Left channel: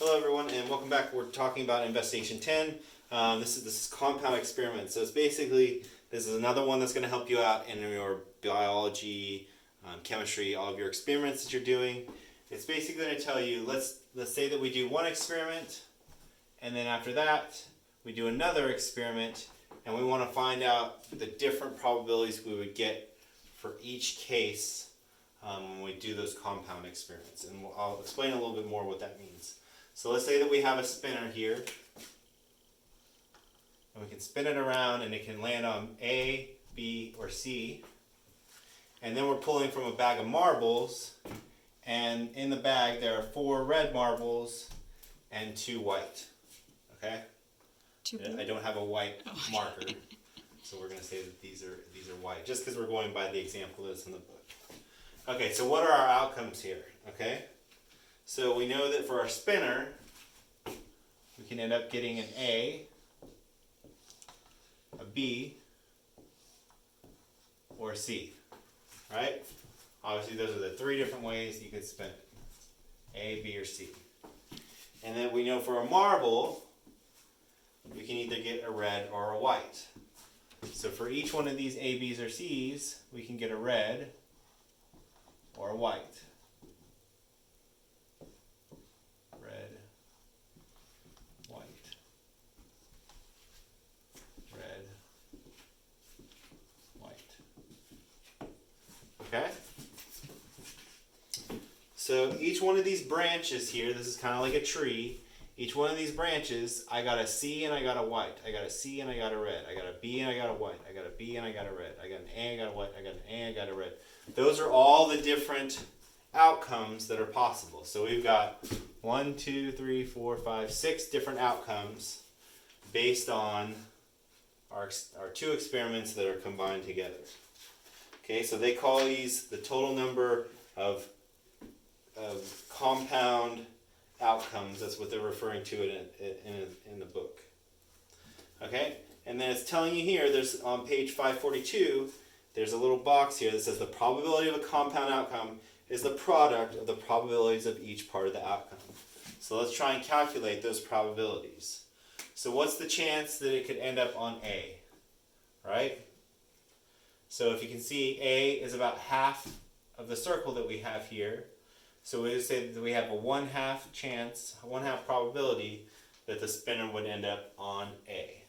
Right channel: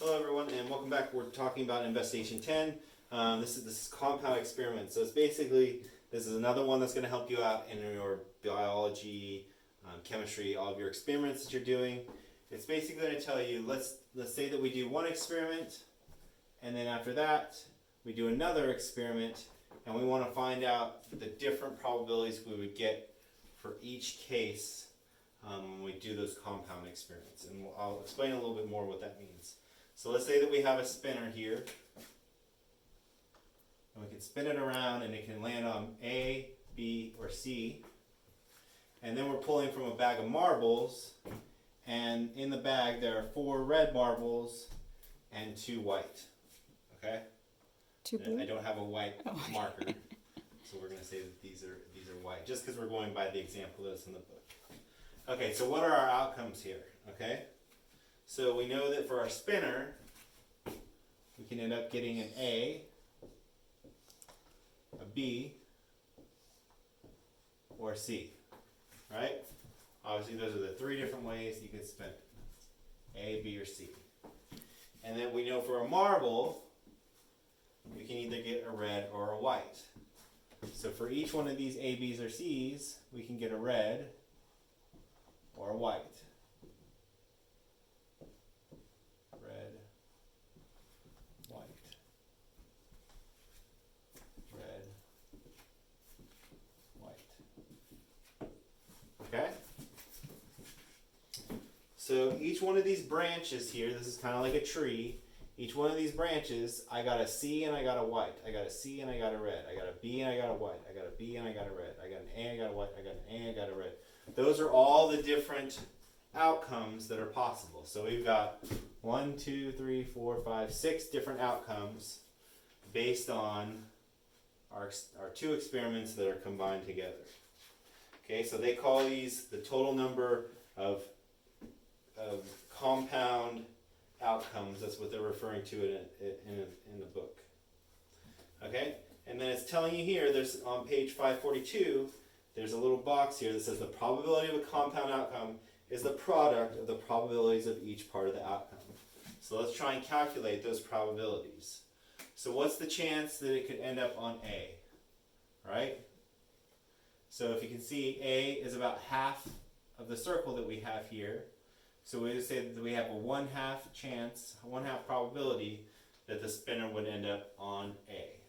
Hello everyone and welcome back. We're talking about investigation 10. This is compound experiments. So it's basically, this is another one that's going to help you out in your biology, chemistry, all of your experiments that you're doing. It's basically going to tell you, let's say that we do one experiment and then after that we do another experiment and we want to find out the different probabilities we would get for each case when we do those compound experiments. And I'll explain a little bit more what that means. So let's say that we have a spinner here, and we can spin it around and it can land on A, B, or C. And then we're pulling from a bag of marbles, and in the bag there are 4 red marbles and 2 white. Okay? I don't have a white marker, so we're going to say that these are white, just because we're going by the example that's in the book. Okay, so what are our outcomes here? Okay? So we know that for our spinner, we can end up getting an A, a B, or a C, right? Obviously those are the 3 different ways you can spin it. A, B, or C. And then we know for a marble, we can either get a red or a white. So for each one of these A, B's, or C's, we can get a red or a white. Okay? So each one of these branches here, this is kind of like a tree. Each one of these branches, I got a C and I got a white. I got a C and I got a red. I got a B and I got a white. I got a B and I got a red. I got an A, I got a white. I got an A, I got a red. Those are all the different outcomes that are possible. So we've got 1, 2, 3, 4, 5, 6 different outcomes based on our 2 experiments that are combined together. Okay, so they call these the total number of compound outcomes. That's what they're referring to in the book. Okay, and then it's telling you here, there's on page 542, there's a little box here that says the probability of a compound outcome is the product of the probabilities of each part of the outcome. So let's try and calculate those probabilities. So what's the chance that it could end up on A, right? So if you can see, A is about half of the circle that we have here. So we just say that we have a 1/2 chance, 1/2 probability that the spinner would end up on A.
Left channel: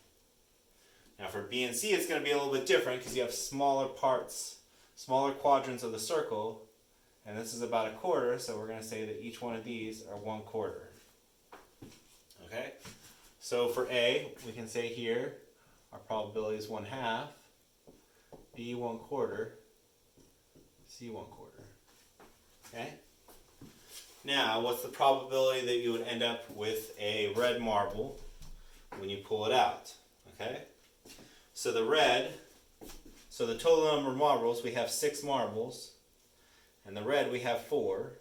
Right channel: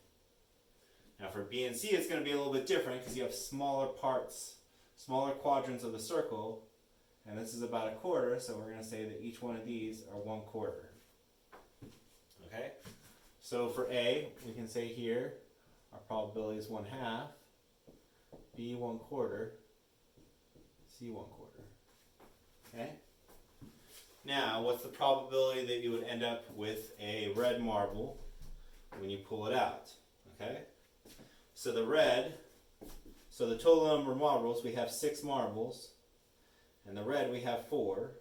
Now for B and C, it's going to be a little bit different because you have smaller parts, smaller quadrants of the circle, and this is about 1/4, so we're going to say that each one of these are 1/4. Okay? So for A, we can say here, our probability is 1/2. B 1/4, C 1/4. Okay? Now, what's the probability that you would end up with a red marble when you pull it out? Okay? So the total number of marbles, we have 6 marbles, and the red we have 4,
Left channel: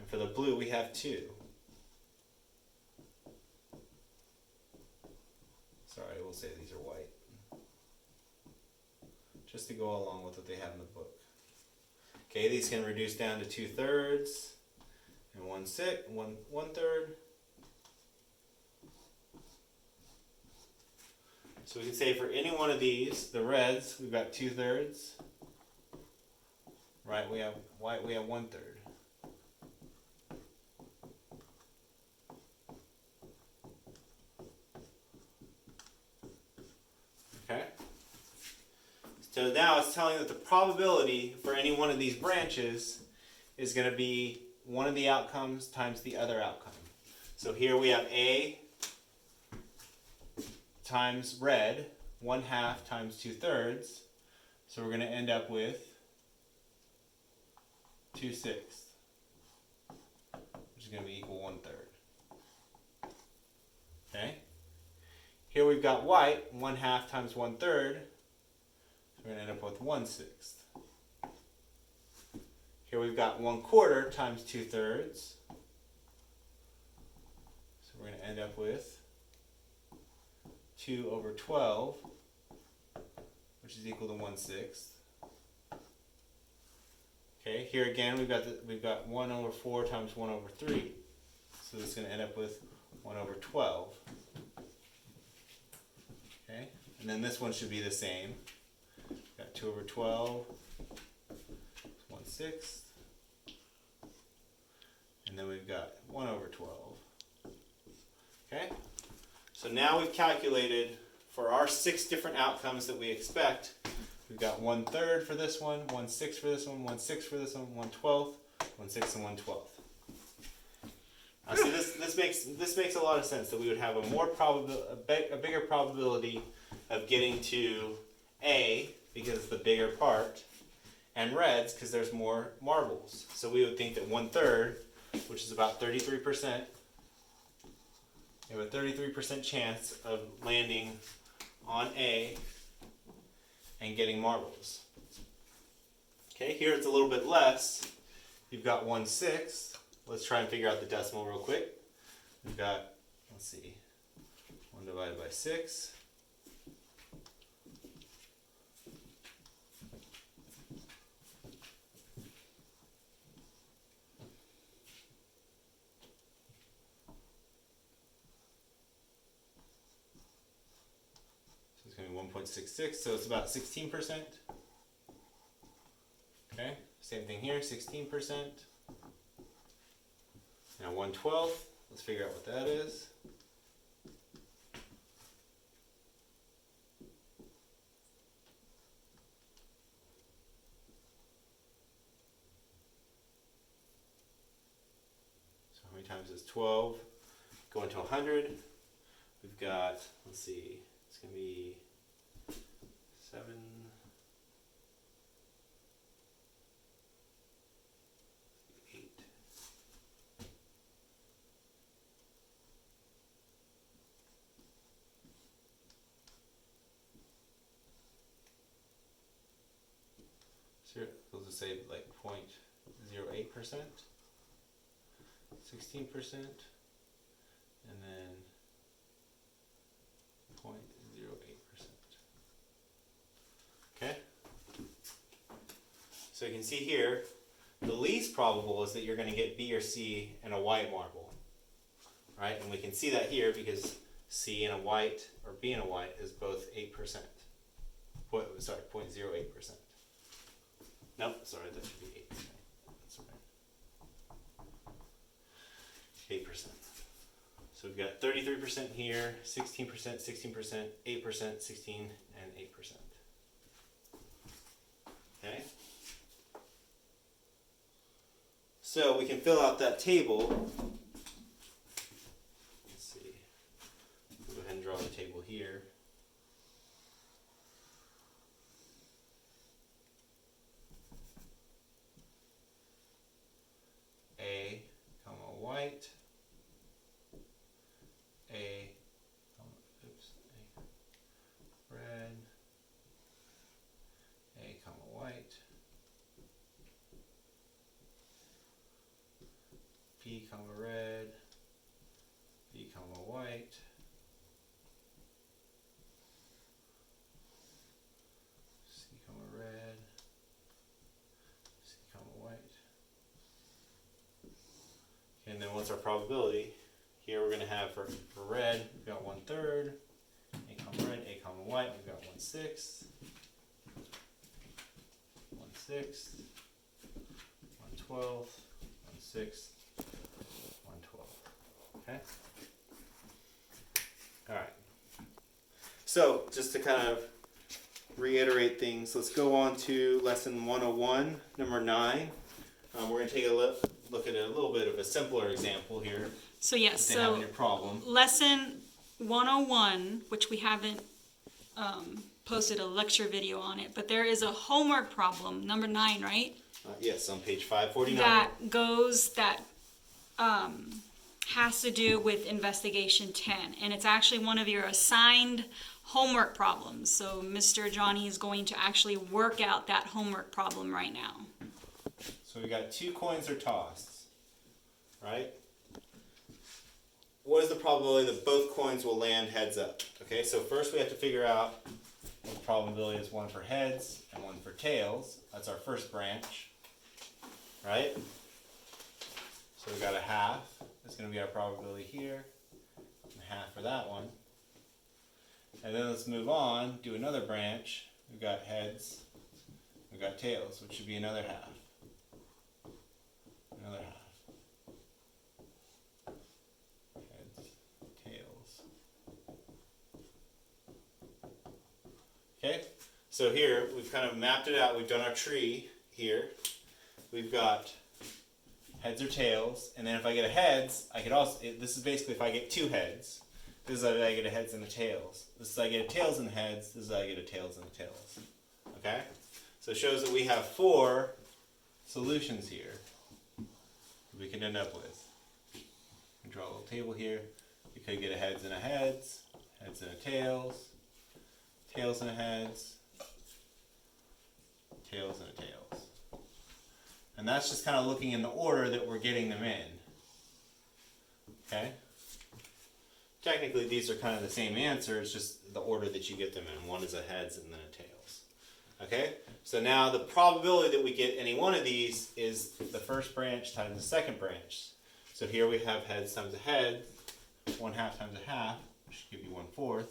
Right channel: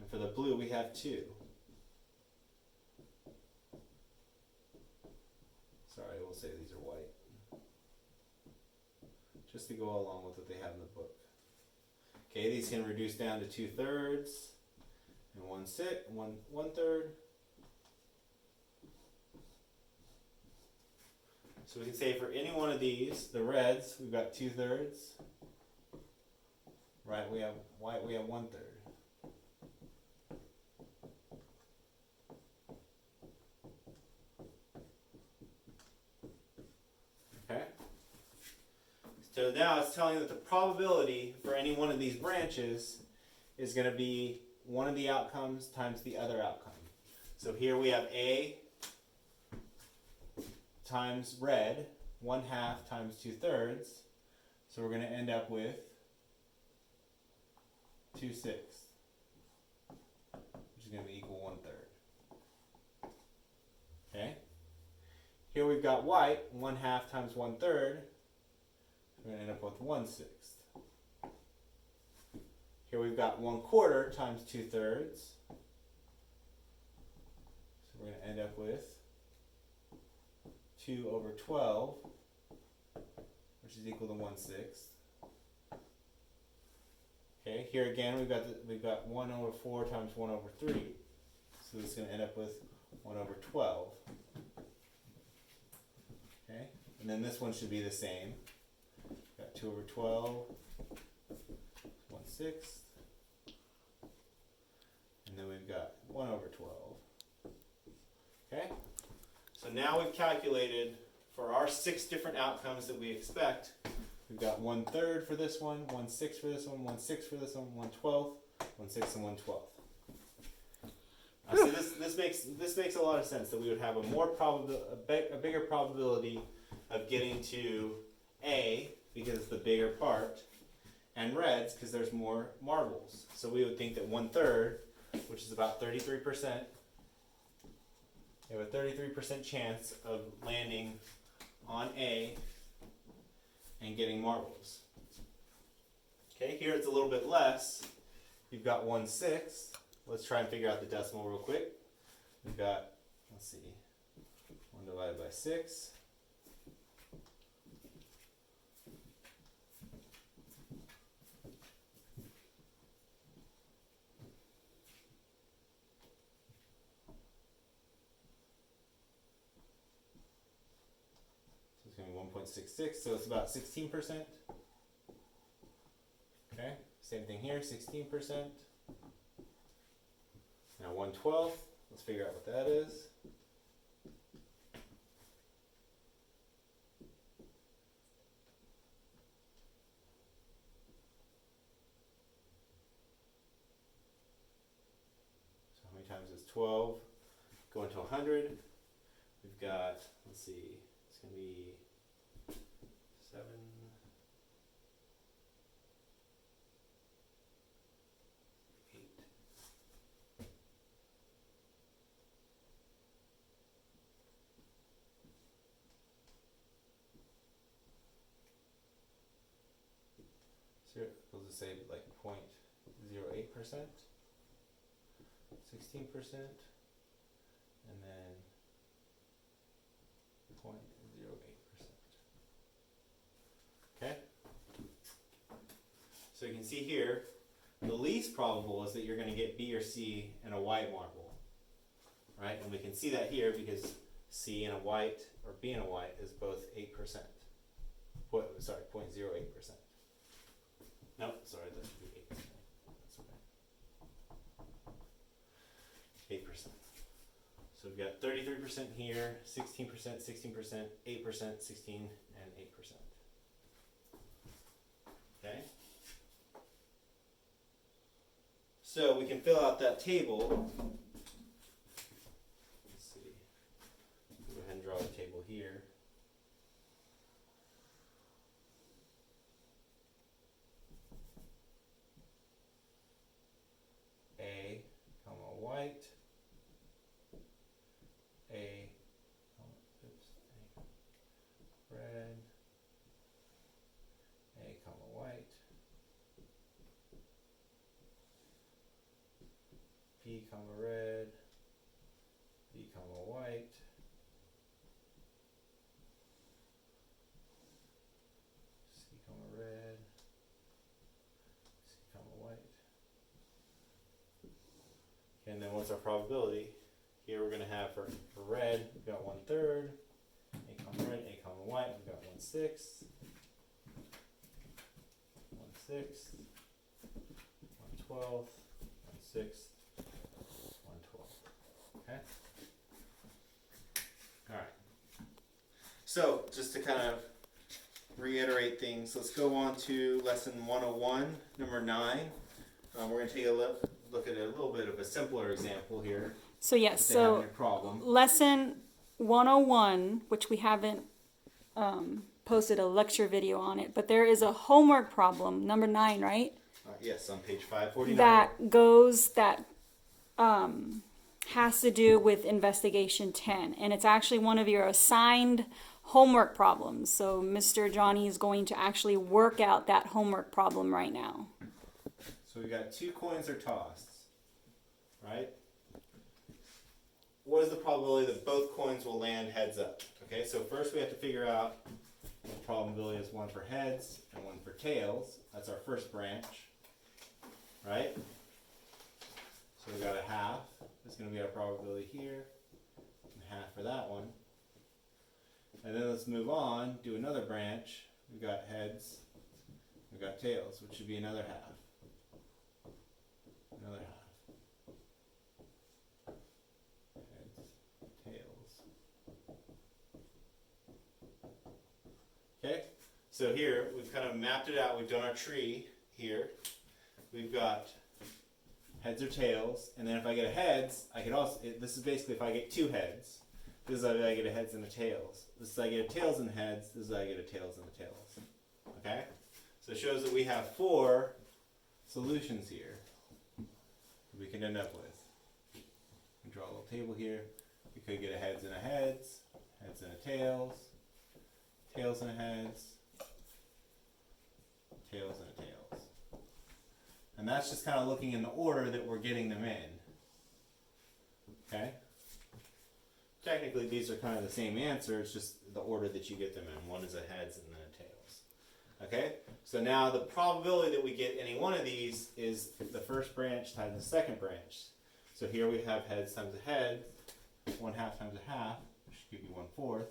and for the blue we have 2. Sorry, we'll say these are white, just to go along with what they have in the book. Okay, these can reduce down to 2/3 and 1/3. So we can say for any one of these, the reds, we've got 2/3. Right, we have white, we have 1/3. Okay? So now it's telling you that the probability for any one of these branches is going to be one of the outcomes times the other outcome. So here we have A times red, 1/2 times 2/3. So we're going to end up with 2/6, which is going to be equal 1/3. Okay? Here we've got white, 1/2 times 1/3. We're going to end up with 1/6. Here we've got 1/4 times 2/3. So we're going to end up with 2/12, which is equal to 1/6. Okay, here again we've got 1/4 times 1/3. So this is going to end up with 1 over 12. Okay, and then this one should be the same. Got 2 over 12, 1/6. And then we've got 1 over 12. Okay, so now we've calculated for our 6 different outcomes that we expect. We've got 1/3 for this one, 1/6 for this one, 1/6 for this one, 1/12, 1/6, and 1/12. Now see, this makes a lot of sense that we would have a bigger probability of getting to A because it's the bigger part, and reds because there's more marbles. So we would think that 1/3, which is about 33%, we have a 33% chance of landing on A and getting marbles. Okay, here it's a little bit less. You've got 1/6. Let's try and figure out the decimal real quick. We've got, let's see, 1 divided by 6. So it's going to be 1.66, so it's about 16%. Okay, same thing here, 16%. Now 1/12, let's figure out what that is. So how many times is 12? Going to 100. We've got, let's see, it's going to be 7. We'll just say like 0.08%, 16%, and then 0.08%. Okay? So you can see here, the least probable is that you're going to get B or C in a white marble. Right? And we can see that here because C in a white or B in a white is both 8%. Sorry, 0.08%. Nope, sorry, that should be 8%. That's okay. 8%. So we've got 33% here, 16%, 16%, 8%, 16, and 8%. Okay? So we can fill out that table. Let's see. We'll go ahead and draw the table here. A, comma, white, A, red, A, comma, white, B, comma, red, B, comma, white, C, comma, red, C, comma, white. And then what's our probability? Here we're going to have for red, we've got 1/3, A, comma, red, A, comma, white, we've got 1/6, 1/6, 1/12, 1/6, 1/12. Okay? Alright. So, just to kind of reiterate things, let's go on to lesson 101, number 9. We're going to take a look at a little bit of a simpler example here. So yes, if they have any problem. Lesson 101, which we haven't posted a lecture video on it, but there is a homework problem, number 9, right? Yes, on page 549. That has to do with investigation 10, and it's actually one of your assigned homework problems. So Mr. Johnny is going to actually work out that homework problem right now. So we got 2 coins are tossed, right? What is the probability that both coins will land heads up? Okay, so first we have to figure out what the probability is, one for heads and one for tails. That's our first branch, right? So we got a half is going to be our probability here, and half for that one. And then let's move on, do another branch. We've got heads, we've got tails, which should be another half. Another half. Heads, tails. Okay, so here we've kind of mapped it out. We've done our tree here. We've got heads or tails, and then if I get a heads, I could also, this is basically if I get two heads, this is how I get a heads and a tails. This is how I get a tails and heads, this is how I get a tails and a tails. Okay? So it shows that we have 4 solutions here we could end up with. We draw a little table here. We could get a heads and a heads, heads and a tails, tails and a heads, tails and a tails. And that's just kind of looking in the order that we're getting them in. Okay? Technically, these are kind of the same answer, it's just the order that you get them in. One is a heads and then a tails. Okay? So now the probability that we get any one of these is the first branch times the second branch. So here we have heads times a head, 1/2 times a half, which should give you 1/4.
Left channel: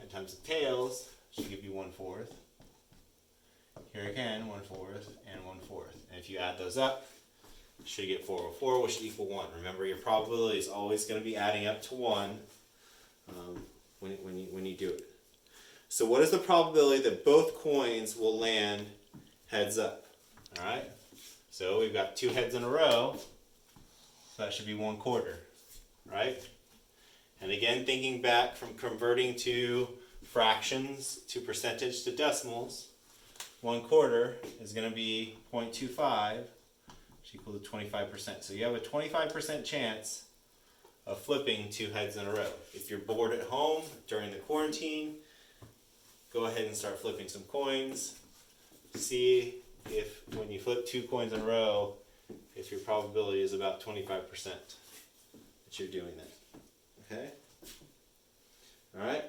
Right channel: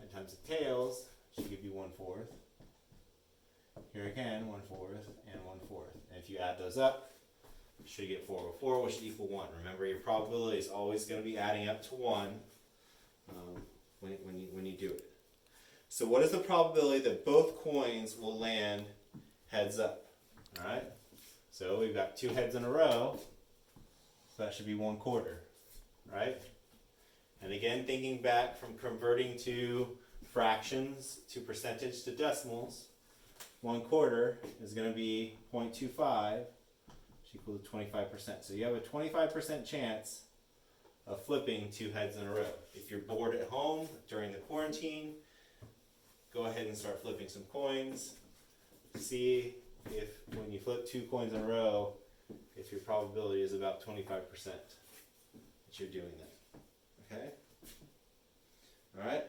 Head times the tails should give you 1/4. Here again, 1/4 and 1/4. And if you add those up, you should get 4 over 4, which should equal 1. Remember, your probability is always going to be adding up to 1 when you do it. So what is the probability that both coins will land heads up? All right. So we've got 2 heads in a row, so that should be 1/4, right? And again, thinking back from converting to fractions to percentage to decimals, 1/4 is going to be 0.25, which equals to 25%. So you have a 25% chance of flipping 2 heads in a row. If you're bored at home during the quarantine, go ahead and start flipping some coins. See if when you flip 2 coins in a row, if your probability is about 25% that you're doing that. Okay? Alright?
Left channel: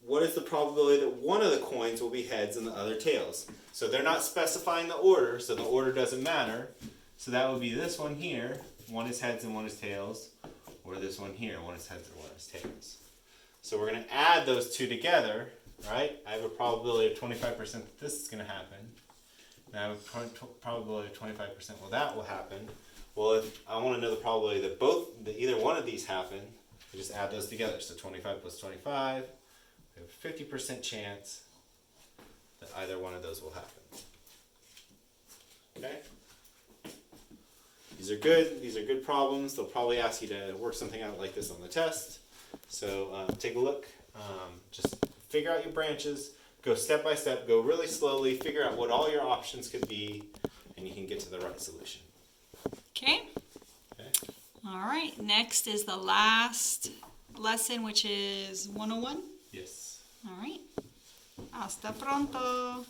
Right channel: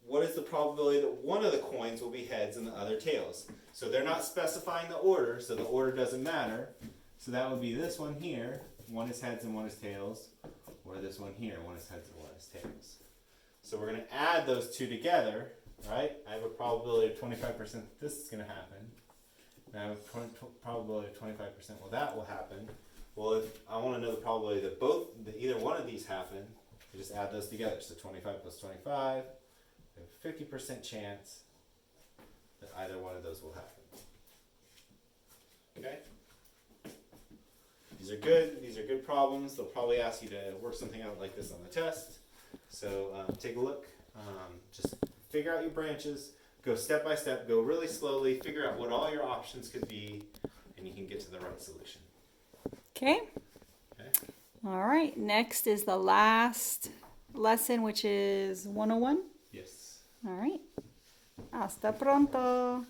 What is the probability that one of the coins will be heads and the other tails? So they're not specifying the order, so the order doesn't matter. So that would be this one here, one is heads and one is tails, or this one here, one is heads and one is tails. So we're going to add those two together, right? I have a probability of 25% that this is going to happen. And I have a probability of 25%, well, that will happen. Well, if I want to know the probability that either one of these happen, I just add those together. So 25 plus 25, we have a 50% chance that either one of those will happen. Okay? These are good problems. They'll probably ask you to work something out like this on the test. So take a look. Just figure out your branches. Go step by step. Go really slowly. Figure out what all your options could be, and you can get to the right solution. Okay. All right. Next is the last lesson, which is 101. Yes. All right. Hasta pronto.